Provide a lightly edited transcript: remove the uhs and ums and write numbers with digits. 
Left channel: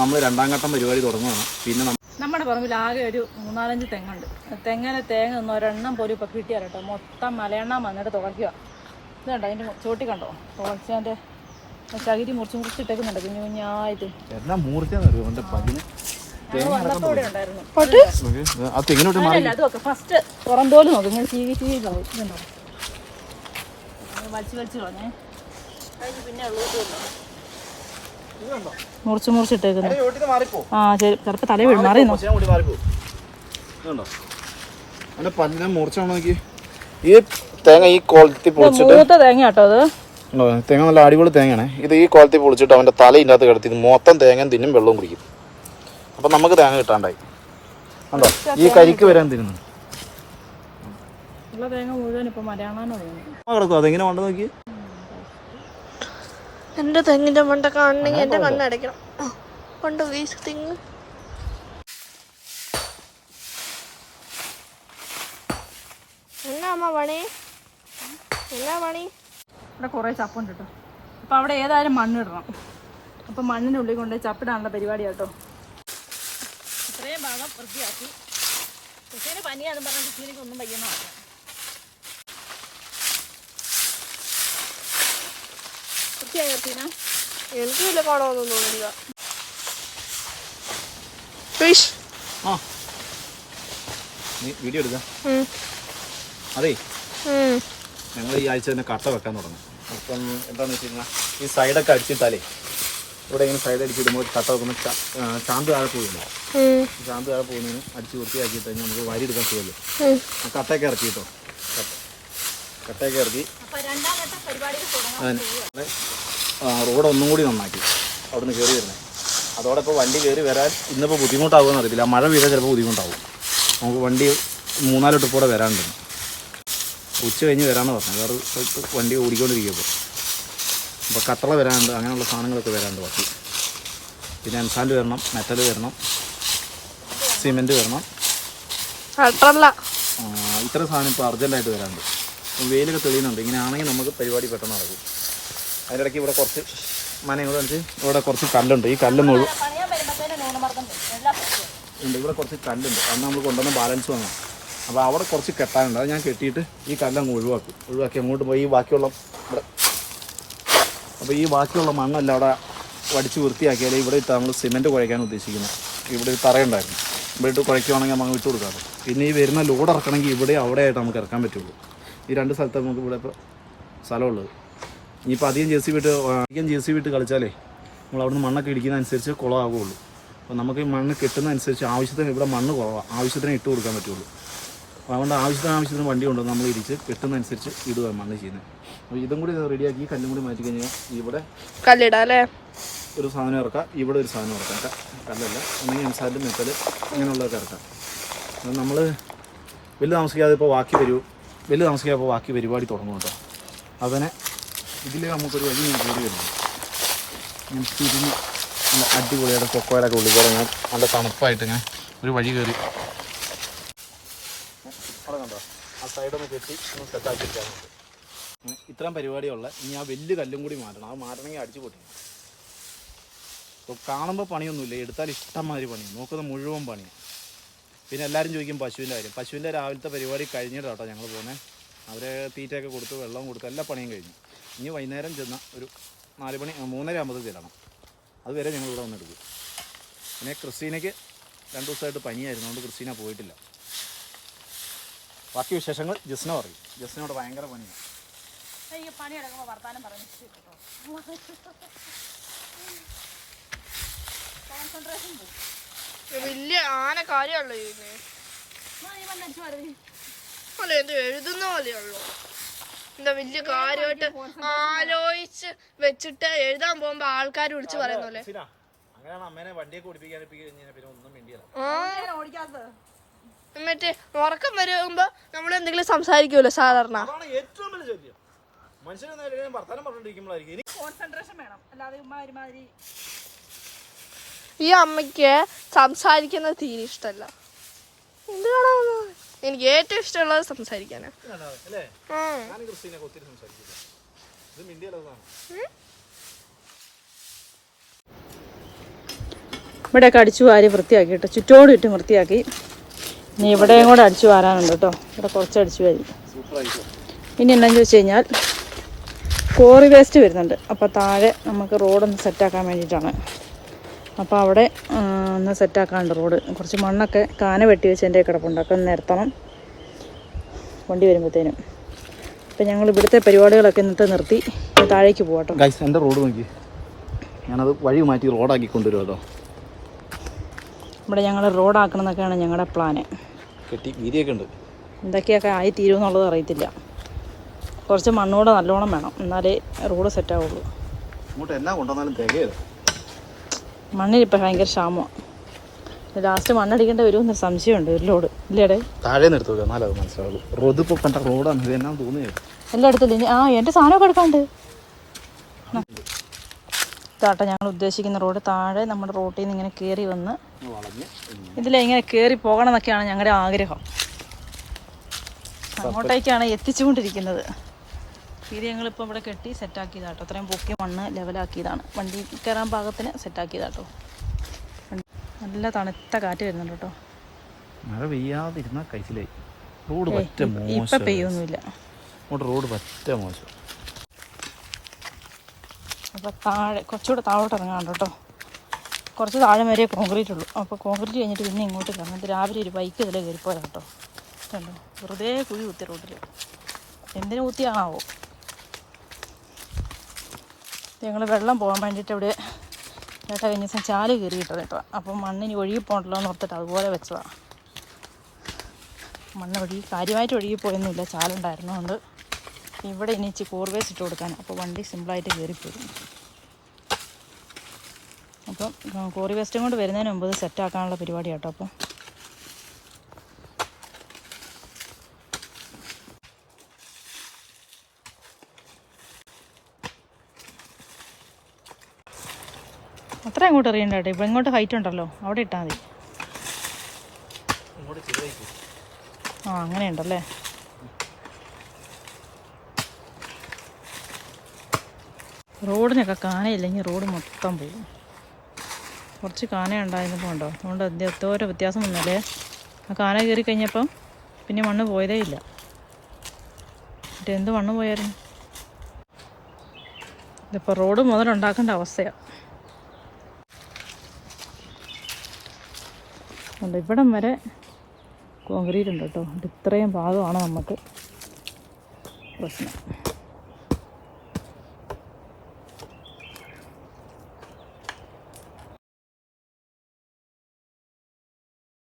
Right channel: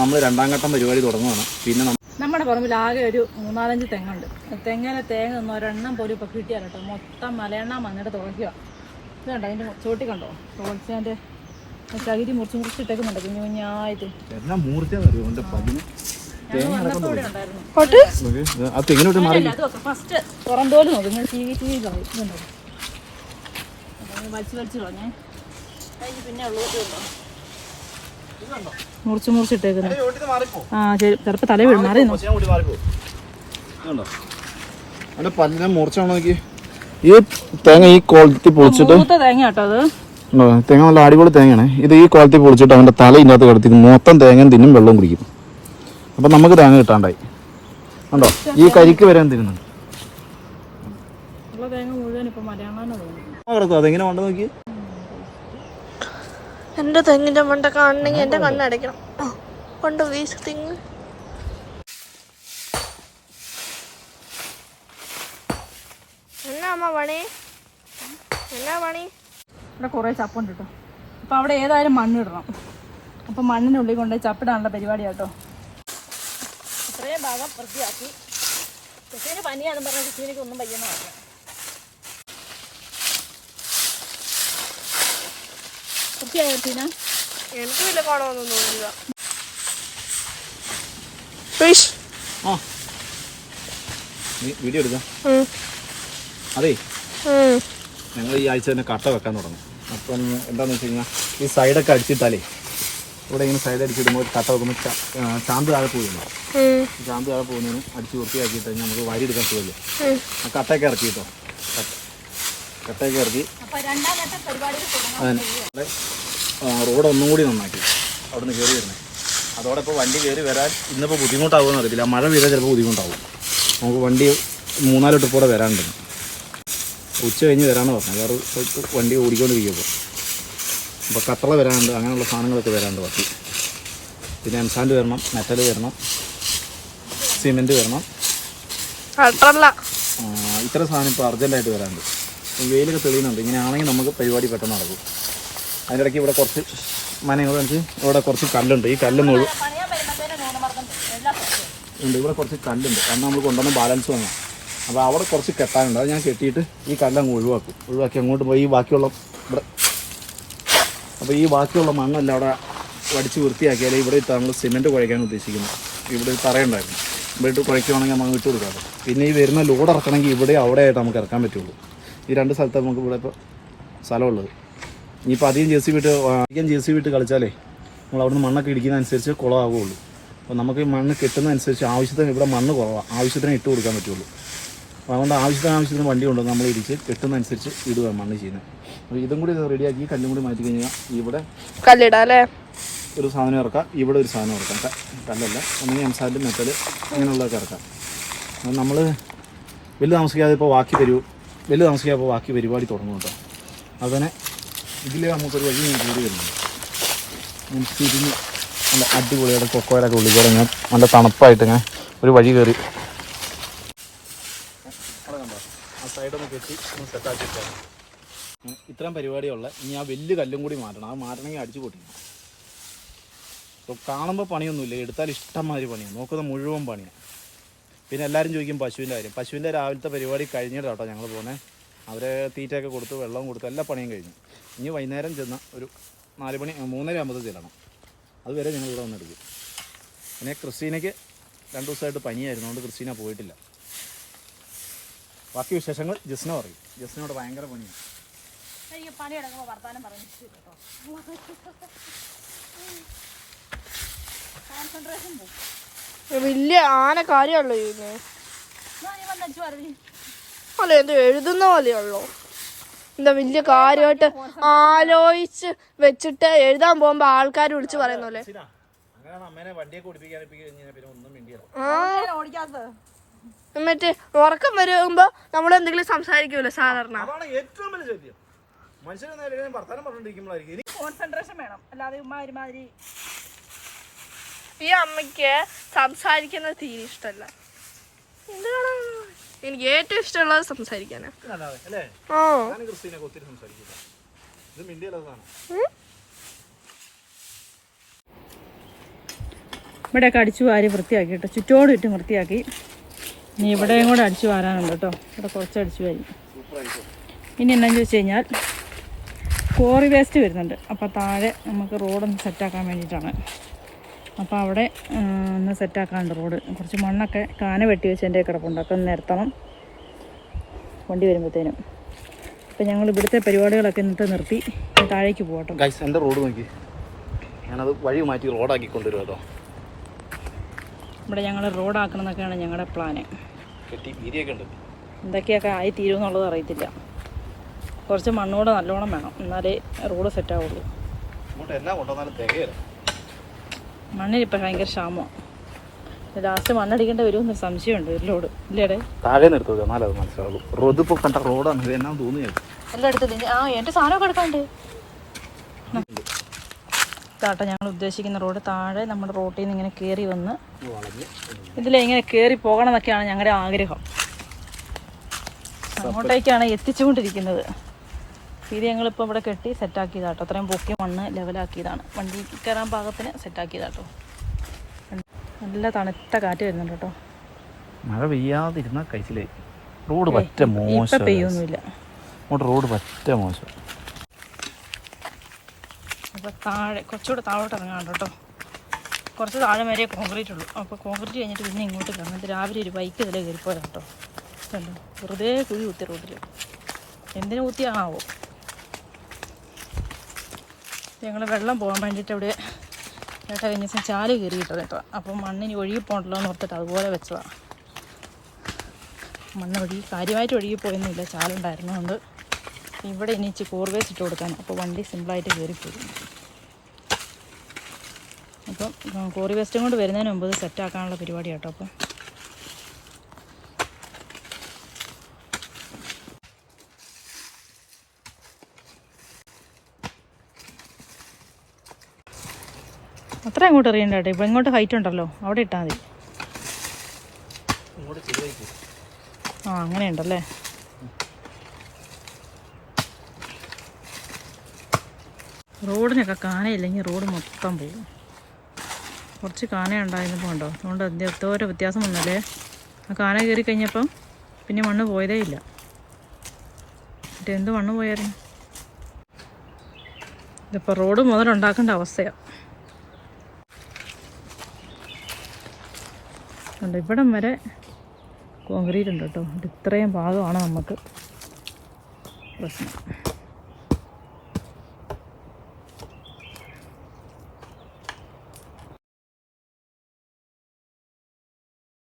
നമ്മൾ രണ്ടാം ഘട്ടം പരിപാടി തുടങ്ങുകയാണ്. പിന്നെ നമ്മുടെ പറമ്പിൽ ആകെ ഒരു 3-4 തെങ്ങുണ്ട്. തേങ്ങ ഒന്നും ഒരെണ്ണം പോലും ഇപ്പം കിട്ടിയാൽ കേട്ടോ. മൊത്തം മലയെണ്ണ വന്നിട്ട് തുടക്കുക. ഇതുണ്ടോ അതിൻ്റെ ചോട്ടി കണ്ടോ? ഓടിച്ചാൻ്റെ ചകിരി മുറിച്ചിട്ടേക്കുന്നുണ്ട് കുഞ്ഞു കുഞ്ഞായിട്ട്. ഫസ്റ്റ് പുറന്തോല് നോക്കും ഇതുണ്ടോ വലിച്ചു കളഞ്ഞേ. പിന്നെ ഉള്ളതുണ്ടോ മുറിച്ചിട്ടേക്കുന്നു. ആ ശരി, ചിലപ്പോ തല വീഴും. മാറിയുന്നോ ഈ തേങ്ങ ഈ ക്വാളിറ്റി പൊളിച്ചിട്ട് തേങ്ങ കേട്ടോ അത്. തേങ്ങ നല്ല അടിപൊളി തേങ്ങയാണ്. ഇത് ഈ ക്വാളിറ്റി പൊളിച്ചിട്ട് അവൻ്റെ തല ഇതിനകത്ത് കിടത്തി മൊത്തം തേങ്ങയും തിന്നും വെള്ളം കുടിക്കും. അപ്പം നമുക്ക് തേങ്ങ കിട്ടാണ്ടായി. ഉണ്ടോ ഈ കരിക്ക് വരാൻ തിരുന്നു കിടക്കും. അതെങ്ങനെ കൊണ്ടു നോക്കി. എന്റെ തെങ്ങിന്റെ മണ്ട കാണണമെങ്കിൽ എന്റെ കണ്ണടയ്ക്കണം. കൊണ്ട് തെങ്ങ് എന്നാ അമ്മ പണി? എന്നാ പണി? ഇവിടെ കുറേ ചപ്പുണ്ട് കേട്ടോ. അപ്പം അവിടെ ഏതായാലും മണ്ണിടണം. അപ്പം മണ്ണിൻ്റെ ഉള്ളിൽ കൊണ്ട് ചപ്പിടാനുള്ള പരിപാടിയാണ് കേട്ടോ. ഇത്രയും ഭാഗം വൃത്തിയാക്കി. കൃഷിന് പനിയാണെന്ന് പറഞ്ഞാൽ കൃഷിക്ക് ഒന്നും പയ്യെന്ന് പറയാം. എനിക്ക് വലിയ പാടമൊന്നും തോന്നില്ല. വീഡിയോ എടുക്കാം. അതെ, ഞങ്ങൾ ഈ ആഴ്ച തന്നെ കട്ട വെക്കാൻ തുടങ്ങും. അപ്പം എന്താണെന്ന് വെച്ച് കഴിഞ്ഞാൽ ഈ സൈഡൊക്കെ അടിച്ചിട്ടാലേ ഇവിടെ ഇങ്ങനെ സൈഡ് അടിച്ചിടുമ്പോൾ കട്ട വെക്കുമ്പോൾ ചാന്ത് താഴെ പോകുന്നു. ചാന്ത് താഴെ പോകുന്നതിന് അടിച്ച് വൃത്തിയാക്കിയിട്ട് കഴിഞ്ഞാൽ നമുക്ക് വാരി എടുക്കാൻ സുഖമല്ലേ. ആ കട്ടയൊക്കെ ഇറക്കി കേട്ടോ. കട്ടയൊക്കെ ഇറക്കി റോഡ് ഒന്നും കൂടി നന്നാക്കി അവിടുന്ന് കയറി വരുന്നത്. അതോടെ ഇപ്പോൾ വണ്ടി കയറി വരാൻ ഇന്നിപ്പോൾ ബുദ്ധിമുട്ടാകുമെന്ന് അറിയില്ല. മഴ പെയ്താൽ ചിലപ്പോൾ ബുദ്ധിമുട്ടാവും. നമുക്ക് വണ്ടി 3-4 ട്രിപ്പോടെ വരാനുണ്ട്. ഉച്ച കഴിഞ്ഞ് വരാമെന്ന് പറഞ്ഞു. വേറെ സ്ഥലത്ത് വണ്ടി ഓടിക്കൊണ്ടിരിക്കുമ്പോൾ അപ്പോൾ കട്ടള വരാനുണ്ട്. അങ്ങനെയുള്ള സാധനങ്ങളൊക്കെ വരാനുണ്ട് ബാക്കി. പിന്നെ എംസാൻഡ് വരണം, മെറ്റൽ വരണം, സിമെൻറ്റ് വരണം. ഇത്ര സാധനം ഇപ്പോൾ അർജൻറ്റായിട്ട് വരാനുണ്ട്. വെയിലൊക്കെ തെളിയുന്നുണ്ട്. ഇങ്ങനെ ആണെങ്കിൽ നമുക്ക് പരിപാടി പെട്ടെന്ന് നടക്കും. അതിനിടയ്ക്ക് ഇവിടെ കുറച്ച് മനങ്ങൾ വെച്ച് ഇവിടെ കുറച്ച് കല്ലുണ്ട്. ഈ കല്ലൊന്നും ഉണ്ട്. ഇവിടെ കുറച്ച് കല്ലുണ്ട്. അന്ന് നമ്മൾ കൊണ്ടുവന്ന് ബാലൻസ് വന്നു. അപ്പോൾ അവിടെ കുറച്ച് കെട്ടാനുണ്ട്. അത് ഞാൻ കെട്ടിയിട്ട് ഈ കല്ലങ്ങ് ഒഴിവാക്കി അങ്ങോട്ട് പോയി ഈ ബാക്കിയുള്ള ഇവിടെ. അപ്പോൾ ഈ ബാക്കിയുള്ള മണ്ണെല്ലാം അവിടെ വടിച്ച് വൃത്തിയാക്കിയാൽ ഇവിടെ ഇട്ട് നമ്മൾ സിമെൻറ്റ് കുഴയ്ക്കാൻ ഉദ്ദേശിക്കുന്നു. ഇവിടെ തറയുണ്ടായിരുന്നു. ഇവിടെ ഇട്ട് കുഴയ്ക്കുകയാണെങ്കിൽ നമുക്ക് ഇട്ട് കൊടുക്കാമല്ലോ. പിന്നെ ഈ വരുന്ന ലോഡ് ഇറക്കണമെങ്കിൽ ഇവിടെ അവിടെ ആയിട്ട് നമുക്ക് ഇറക്കാൻ പറ്റുള്ളൂ. ഈ 2 സ്ഥലത്താണ് നമുക്ക് ഇവിടെ ഇപ്പോൾ സ്ഥലമുള്ളത്. ഇനിയിപ്പോൾ അധികം ജെ സി വിട്ട് കളിച്ചാലേ നമ്മൾ അവിടുന്ന് മണ്ണൊക്കെ ഇടിക്കുന്നതനുസരിച്ച് കുളമാകുള്ളൂ. അപ്പോൾ നമുക്ക് ഈ മണ്ണ് കിട്ടുന്നതനുസരിച്ച് ആവശ്യത്തിന് ഇവിടെ മണ്ണ് കുറവാണ്. ആവശ്യത്തിന് ഇട്ട് കൊടുക്കാൻ പറ്റുള്ളൂ. അപ്പോൾ അതുകൊണ്ട് ആവശ്യത്തിന് വണ്ടി കൊണ്ടുവന്ന് നമ്മൾ ഇടിച്ച് കിട്ടുന്നതനുസരിച്ച് ഇടുക മണ്ണ് ചെയ്യുന്നത്. അപ്പോൾ ഇതും കൂടി റെഡിയാക്കി കല്ലും കൂടി മാറ്റി കഴിഞ്ഞാൽ ഇവിടെ കല്ലിടാം അല്ലേ. ഒരു സാധനം ഇറക്കാം, ഇവിടെ ഒരു സാധനം ഇറക്കാം. കല്ലല്ല, ഒന്നെങ്കിൽ എംസാൻഡ് മെറ്റൽ അങ്ങനെയുള്ളതൊക്കെ ഇറക്കാം. നമ്മൾ വലിയ താമസിക്കാതെ ഇപ്പോൾ ബാക്കി പരിപാടി തുടങ്ങും കേട്ടോ. അതിനെ ഇതിൽ നമുക്കൊരു വഴി ഞാൻ കയറി വരുന്നുണ്ട്. ഞാൻ തിരിഞ്ഞ് നല്ല അടിപൊളിയായിട്ട് കൊക്കോലൊക്കെ ഉള്ളിക്കോടെ ഞാൻ നല്ല തണുപ്പായിട്ട് ഇങ്ങനെ ഒരു വഴി കയറി. അവിടെ കണ്ടോ ആ സൈഡൊന്ന് കെട്ടി ഒന്ന് സെറ്റാക്കിയിട്ടാണ് ഇത്രയും പരിപാടിയുള്ള. ഇനി ആ വലിയ കല്ലും കൂടി മാറ്റണം. അത് മാറ്റണമെങ്കിൽ അടിച്ചു പൊട്ടിക്കണം. ഇപ്പോൾ കാണുമ്പോൾ പണിയൊന്നുമില്ല, എടുത്താൽ ഇഷ്ടംമാതിരി പണിയാണ്. നോക്കുന്ന മുഴുവൻ പണിയാണ്. പിന്നെ എല്ലാവരും ചോദിക്കും പശുവിൻ്റെ കാര്യം. പശുവിൻ്റെ രാവിലത്തെ പരിപാടി കഴിഞ്ഞിട്ട് കേട്ടോ ഞങ്ങൾ പോകുന്നത്. അവരെ തീറ്റയൊക്കെ കൊടുത്ത് വെള്ളം കൊടുത്ത് എല്ലാ പണിയും കഴിഞ്ഞു. ഇനി വൈകുന്നേരം ചെന്ന ഒരു 4 മണി 3:30 ആകുമ്പോൾ ചെല്ലണം. അതുവരെ ഞങ്ങൾ ഇവിടെ വന്നെടുക്കും. പിന്നെ ക്രിസ്റ്റീനയ്ക്ക് 2 ദിവസമായിട്ട് പനിയായിരുന്നു. അതുകൊണ്ട് ക്രിസ്റ്റീന പോയിട്ടില്ല. ബാക്കി വിശേഷങ്ങൾ ജസ്ന പറയും. ജസ്നയോട് ഭയങ്കര പണിയാണ്. പണിയെടുക്കുമ്പോൾ വർത്താനം പറഞ്ഞു കേട്ടോ. കോൺസെൻട്രേഷൻ പോകും. വലിയ ആന കാര്യമല്ലോ ഇതിന്. അല്ല ഇത് എഴുതുന്ന പോലെയുള്ളൂ. എന്താ വലിയ കാര്യമായിട്ട് ആലോചിച്ച് വെച്ചിട്ട് എഴുതാൻ പോകുമ്പോ ആൾക്കാർ വിളിച്ച് പറയുന്ന പോലെ. മറ്റേ ഉറക്കം വരുമ്പോ നമ്മളെന്തെങ്കിലും സംസാരിക്കുമല്ലോ സാധാരണ. ഈ അമ്മയ്ക്ക് സംസാരിക്കുന്നത് തീരെ ഇഷ്ടമല്ല. എന്താണ് എനിക്ക് ഏറ്റവും ഇഷ്ടമുള്ളത് സംസാരിക്കാനാ. ഇവിടെയൊക്കെ അടിച്ചു വാരി വൃത്തിയാക്കി കേട്ടോ, ചുറ്റോട് ചുറ്റും വൃത്തിയാക്കി. ഇനി ഇവിടെയും കൂടെ അടിച്ചു വാരാനുണ്ട് കേട്ടോ. ഇവിടെ കുറച്ച് അടിച്ചു വാരി. ഇനി എന്താണെന്ന് ചോദിച്ചു കഴിഞ്ഞാൽ കോറി വേസ്റ്റ് വരുന്നുണ്ട്. അപ്പോൾ താഴെ നമുക്ക് റോഡൊന്ന് സെറ്റാക്കാൻ വേണ്ടിയിട്ടാണ്. അപ്പോൾ അവിടെ ഒന്ന് സെറ്റാക്കാനുണ്ട് റോഡ്. കുറച്ച് മണ്ണൊക്കെ കാന വെട്ടി വെച്ച് എൻ്റെ കിടപ്പുണ്ട്. ഒക്കെ ഒന്ന് നിരത്തണം വണ്ടി വരുമ്പോഴത്തേനും. അപ്പോൾ ഞങ്ങൾ ഇവിടുത്തെ പരിപാടികളൊക്കെ ഇന്നത്തെ നിർത്തി താഴേക്ക് പോകട്ടോ. ഗൈസ് എൻ്റെ റോഡ് നോക്കി, ഞാനത് വഴി മാറ്റി റോഡാക്കി കൊണ്ടുവരും കേട്ടോ. ഇവിടെ ഞങ്ങൾ റോഡാക്കണം എന്നൊക്കെയാണ് ഞങ്ങളുടെ പ്ലാന്. കെട്ടി വീതിയൊക്കെ ഉണ്ട്. എന്തൊക്കെയൊക്കെ ആയി തീരുമെന്നുള്ളത് അറിയത്തില്ല. കുറച്ച് മണ്ണൂടെ നല്ലോണം വേണം, എന്നാലേ റോഡ് സെറ്റാവുള്ളൂ. ഇങ്ങോട്ട് എല്ലാം കൊണ്ടുവന്നാലും തികയില്ല. മണ്ണിനിപ്പോൾ ഭയങ്കര ക്ഷാമമാണ്. ലാസ്റ്റ് മണ്ണടിക്കേണ്ട വരുമെന്നൊരു സംശയമുണ്ട്. ഒരു ലോഡ് ഇല്ലേടെ താഴെ നിർത്തുക, എന്നാലും അത് മനസ്സിലാവുള്ളൂ. റോഡ് ഇപ്പോൾ കണ്ട റോഡാണ്, ഇത് എന്നാ തോന്നിയത് എല്ലായിടത്തും ഇനി എൻ്റെ സാധനമൊക്കെ എടുക്കാണ്ട്. ഇതാട്ടോ ഞങ്ങൾ ഉദ്ദേശിക്കുന്ന റോഡ്. താഴെ നമ്മുടെ റോട്ടിൽ നിന്ന് ഇങ്ങനെ കയറി വന്ന് ഇതിലിങ്ങനെ കയറി പോകണം എന്നൊക്കെയാണ് ഞങ്ങളുടെ ആഗ്രഹം. അങ്ങോട്ടേക്കാണ് എത്തിച്ചുകൊണ്ടിരിക്കുന്നത്. ഇത് ഞങ്ങളിപ്പോൾ ഇവിടെ കെട്ടി സെറ്റാക്കിയതാട്ടോ. അത്രയും പൊക്കി മണ്ണ് ലെവലാക്കിയതാണ്. വണ്ടി കയറാൻ പാകത്തിന് സെറ്റാക്കിയതാട്ടോ. നല്ല തണുത്ത കാറ്റ് വരുന്നുണ്ട് കേട്ടോ. മഴ പെയ്യാതിരുന്ന കൈസിലായി. റോഡ് പറ്റ മോശം. ഇപ്പം പെയ്യൊന്നുമില്ല. റോഡ് പറ്റ മോശം. അപ്പോൾ താഴെ കുറച്ചുകൂടെ താഴോട്ട് ഇറങ്ങാണ്ട് കേട്ടോ. കുറച്ച് താഴെ വരെ കോൺക്രീറ്റ് ഉള്ളൂ. അപ്പോൾ കോൺക്രീറ്റ് കഴിഞ്ഞിട്ട് പിന്നെ ഇങ്ങോട്ട് ഇറങ്ങിയിട്ട് രാവിലെ ഒരു ബൈക്ക് ഇതിലെ കയറിപ്പോയാൽ കേട്ടോ. കണ്ടോ, വെറുതെ കുഴി കുത്തി റോഡിൽ. എന്തിനു കുത്തിയാണാവോ. ഞങ്ങൾ വെള്ളം പോകാൻ വേണ്ടിയിട്ട് ഇവിടെ ഏട്ടാ കഴിഞ്ഞ ദിവസം ചാല് കയറിയിട്ടത് കേട്ടോ. അപ്പം മണ്ണിന് ഒഴുകി പോകണ്ടല്ലോ എന്ന് ഓർത്തിട്ട് അതുപോലെ വെച്ചതാണ്. മണ്ണ് കാര്യമായിട്ട് ഒഴുകിപ്പോയൊന്നുമില്ല, ചാലുണ്ടായിരുന്നതുകൊണ്ട്. ഇവിടെ ഇനി ഇച്ചിരി കോർവേസ് ഇട്ട് കൊടുക്കാൻ. അപ്പോൾ വണ്ടി സിമ്പിളായിട്ട് കയറിപ്പോരും. അപ്പം കോറി വേസ്റ്റും കൊണ്ട് വരുന്നതിന് മുമ്പ് സെറ്റാക്കാനുള്ള പരിപാടി കേട്ടോ. അപ്പം അത്ര അങ്ങോട്ട് എറിയണ്ട കേട്ടോ. ഇപ്പം ഇങ്ങോട്ട് ഹൈറ്റ് ഉണ്ടല്ലോ, അവിടെ ഇട്ടാൽ മതി. ആ അങ്ങനെയുണ്ടല്ലേ. റോഡിനൊക്കെ കാനയില്ലെങ്കിൽ റോഡ് മൊത്തം പോകും. കുറച്ച് കാന ഉണ്ടായിരുന്നപ്പോൾ ഉണ്ടോ, അതുകൊണ്ട് എന്തോരോ വ്യത്യാസം വന്നല്ലേ. ആ കാന കയറി കഴിഞ്ഞപ്പം പിന്നെ മണ്ണ് പോയതേ ഇല്ല. എന്ത് മണ്ണ് പോയായിരുന്നു. ഇതിപ്പോൾ റോഡ് മുതലുണ്ടാക്കേണ്ട അവസ്ഥയാണ്. ഉണ്ട് ഇവിടം വരെ കോൺക്രീറ്റ് ഉണ്ട് കേട്ടോ. ഇത് ഇത്രയും ഭാഗമാണ് നമുക്ക് പ്രശ്നം.